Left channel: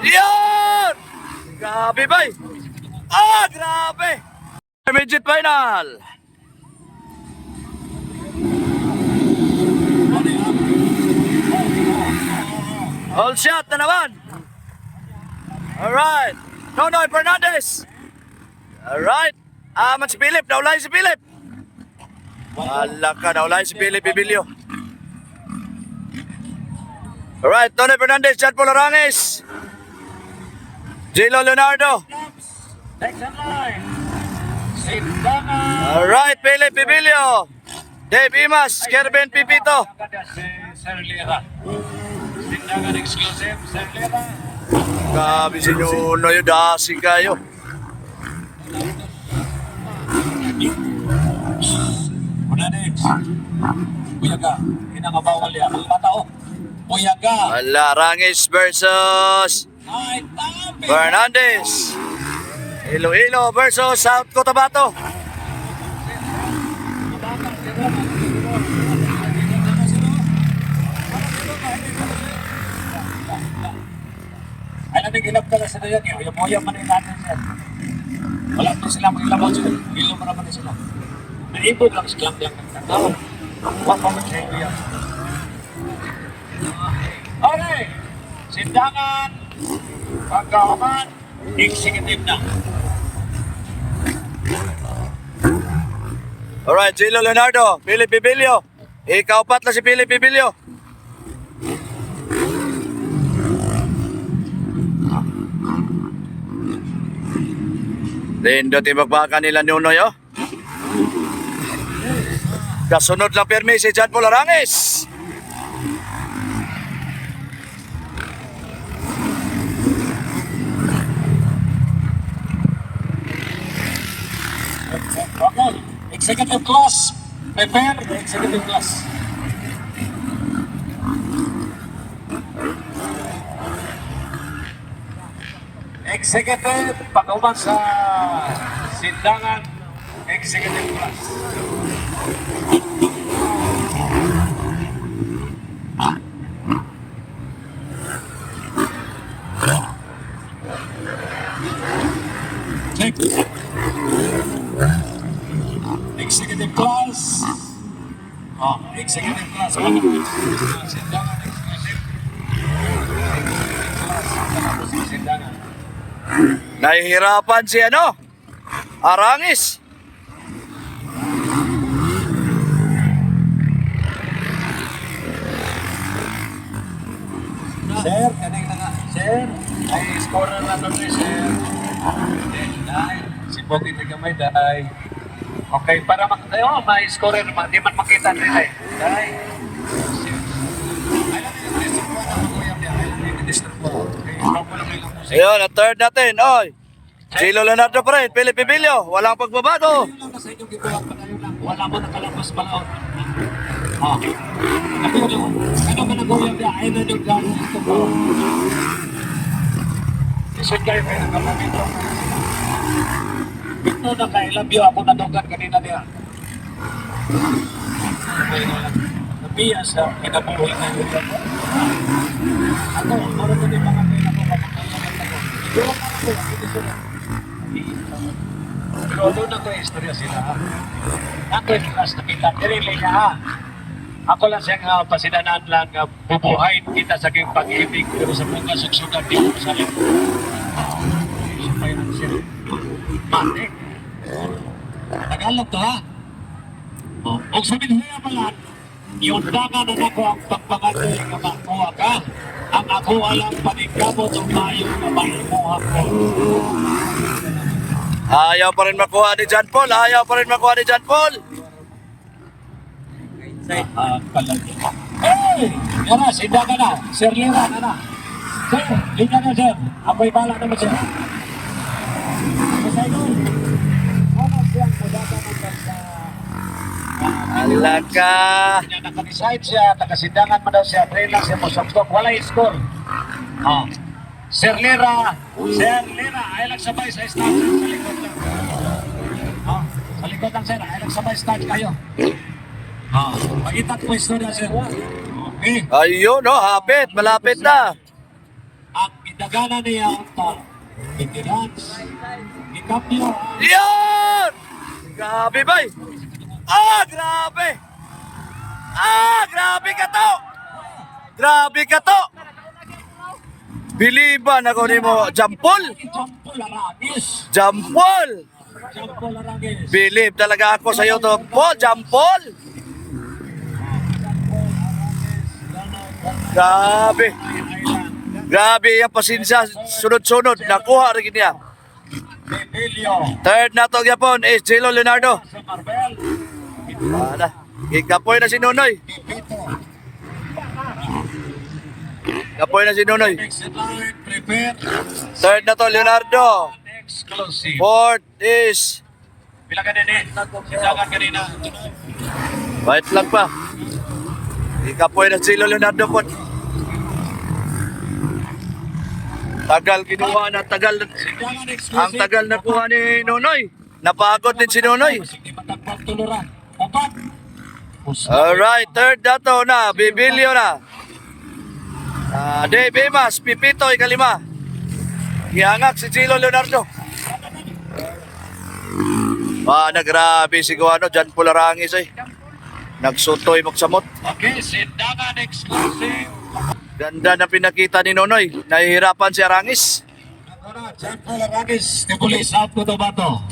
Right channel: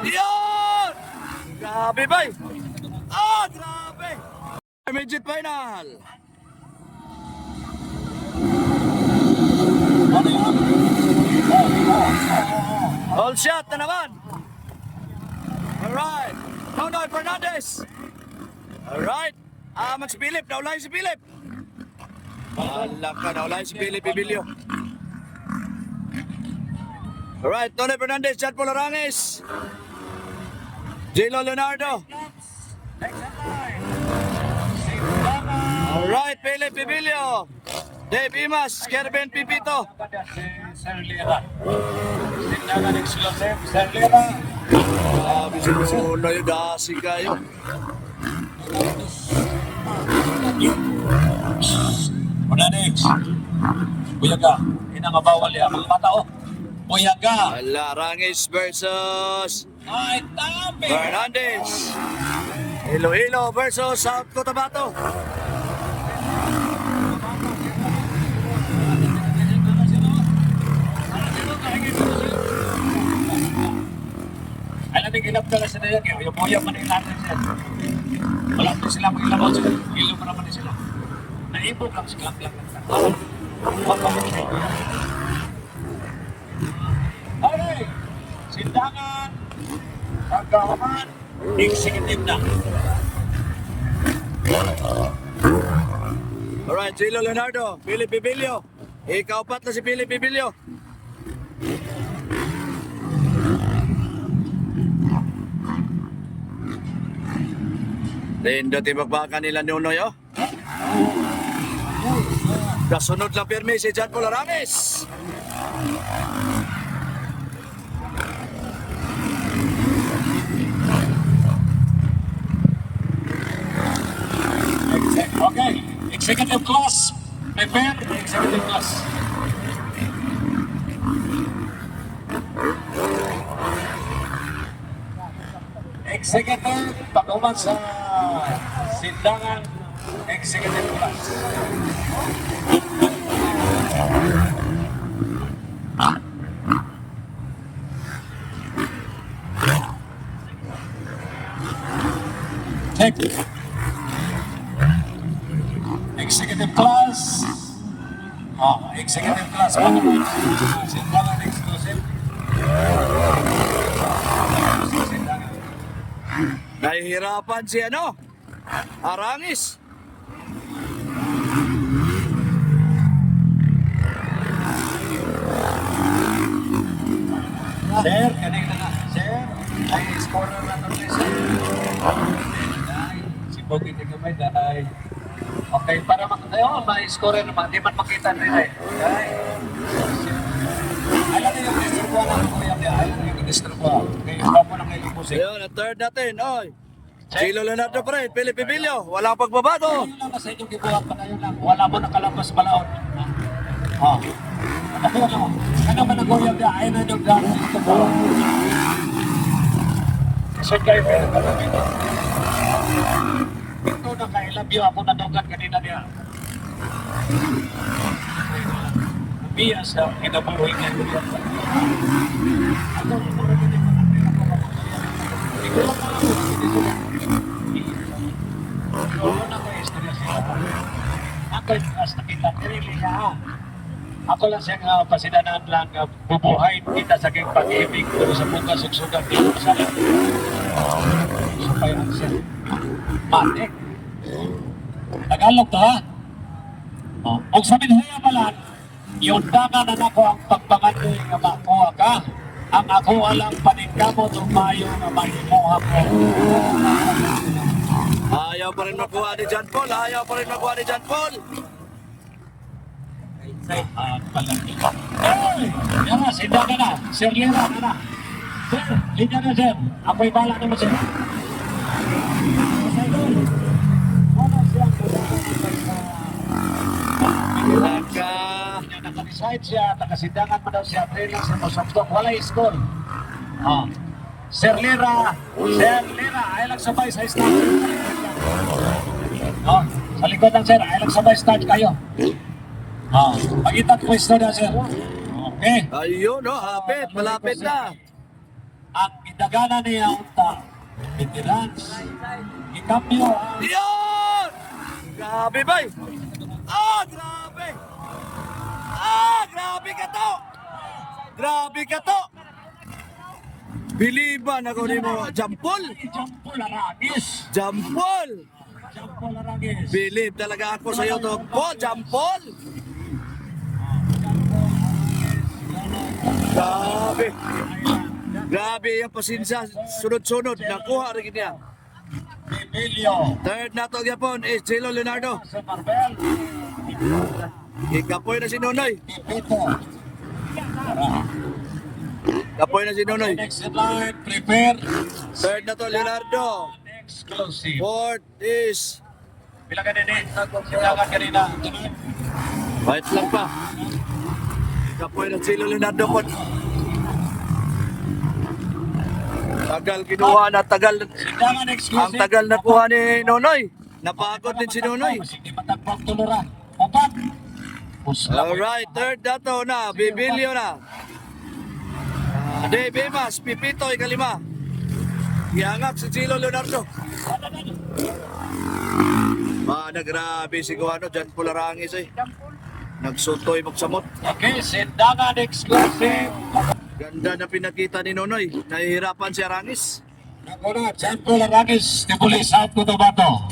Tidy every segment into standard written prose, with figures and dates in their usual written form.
Yan! Grabe ba? Grabe! Midget final! All shot na naman! Alright! Nonoy Fernandez! Alright! Si Philip! Naulay si Philip! Wala ka, naulay si Philip Ibilio. Alright, Nonoy Fernandez, John Paul Arangis, Jilo Leonardo. Alright, Philip Ibilio, Dave Imas, Kerben Pipito. Grabe si Nuno yung dasi kayo. Next. Buyaga. Inangabawal yan. Mga matao. Buyaga. Wala, Arangis versus Ay, tabi. Fernandez. Iloilo versus South Cotabato. Ay, namin ilap ka na sila yan. Yung buya man yung natin siya. Wala pa sila mag-ilabas. Ilo pa naman sila. Naibod lang sila. Okay. Sindangan. Pagkaman. Executive na. Alright, Jilo Leonardo, Philip Ibilio. Ikaw pat na si Philip Ibilio. Lindo tibagbakan nila Nunoy, oh. Kasunod lang pirmi si John Paul Arangis. Okay. Executive class. Prepare. Executive class. Executive pag-uman sa sindangan executive class. Check. Executive class. Executive class. Sindangan exclusive. Sindangan. Nahihirapan si Arangis. Sir, kanig na. Sir, ay scorer na ito sir. Si Pogi na gamay dahil. Okay, para may scorer naman. Di man makita nila eh. Dahil. Ay, natin yung district ko. Ay, yung district ko. Okay, stop mo lang kayo limusin. Ayun, ang third natin, oy. Jilo Leonardo pa rin, Philip Ibilio. Walang pagbabago. Ayun lang na sa inyong gibuhat pa kayo lang. Wala mo nakalapas balaod. Nakapira lang. Ano ba nag-uyab niya? Ayun na yung gano'n ito po. Isod kayo kayo nakalamito. Ito na kailabyo ako nadugan kanina niya. Ayun lang. Umiya sa kinabuhay na yun. Ako, mara ko din mga kayo na po. Ito lang ako. Lolo na ka istorya sila. Ako yung nakita. Nirili niya ha. Ako lang siyang pasidanan lang bubuhayin kita sa aking pag-ibig pero sa mga suksugan di ko sa akin. Mati. Tagalog ka ha? Kung sabihin niya pala, yung daga na nako ang pagpanganoy nga makuha ka, ang ako alam paningkamot o mayo na mahimuha ko. Ayaw pa rin makuha ni John Paul. Ayaw pa rin makuha ni John Paul. Yan na, sindagan na. Sir Lera, na. Sir, liga na sir. Ako'y bala naman sir. Alaka. Naka-decide siya, nakasindangan mo daw siya. Train lang siya mo, soktok. Wala score. Sir Lera, ay lang sabay sa stage. Sa likod lang sir, ay lang sabay stage kayo. Pagitan po istorya sir. Okay. Ayun, hapit. Malapit na. Ang dagana niya unta. Veterans. Ikambyo ang Yan! Grabe, bay! Ah, grabe! Ah, grabe ka to! Grabe ka to! Biliban ako ni mo, Jampol! Jampol Arangis. Jampol! Jampol Arangis. Bilib talaga ako sa iyo to, Paul, Jampol! Grabe! Grabe yung pasinsya, sunod-sunod, nakuha rin niya. Emilio. Third na to Japon is Jelo Leonardo. Sa Marbel. Wala. Ikapoy na si Nonoy. Pipito. Kapoy na si Nonoy. Next in line, prepare. Third na to Leonardo. Exclusive. Fourth is Pila ka din eh. Sindagan kanina. Wait lang pa. Ikapoy na si Leonardo po. Tagal kinuha na tagal. Sindagan exclusive. Ang tagal na kuha ni Nonoy. Napagod din si Nonoy. Sige, matagpag tuluran. Upat. Alright, third na to na. Bibilyo na. Dave Emas, Pipito, ikalima. Iangak si Chilo Leonardo. Nagrabe si Guano, Jan Pularangis eh. Nagsutoy magsamot. Okay, sindagan exclusive. Ganda na pinakita ni Nonoy. Nahihirapan si Arangis. Nakuna, Jampol Arangis, Tibulis at Cotabato.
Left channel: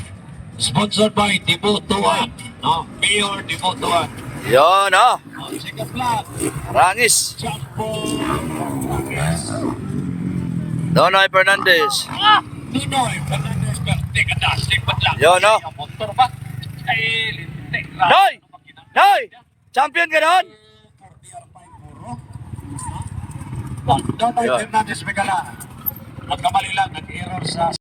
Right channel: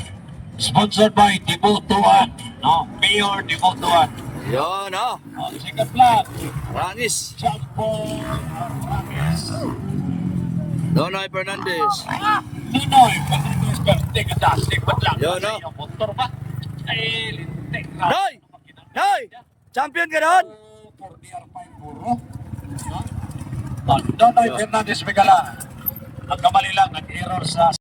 Sponsored by Tibutuan. No, Mayor Tibutuan. Yun, oh. Second flag, Arangis. Jampol Arangis. Nonoy Fernandez. Ninoy, teka das, likod lang. Yun, no? Yung motor ba? Ay, lintik lang. Noy! Noy! Champion ka doon? Donoy Yun. Fernandez Megala. Nagkamali lang, nag-error sa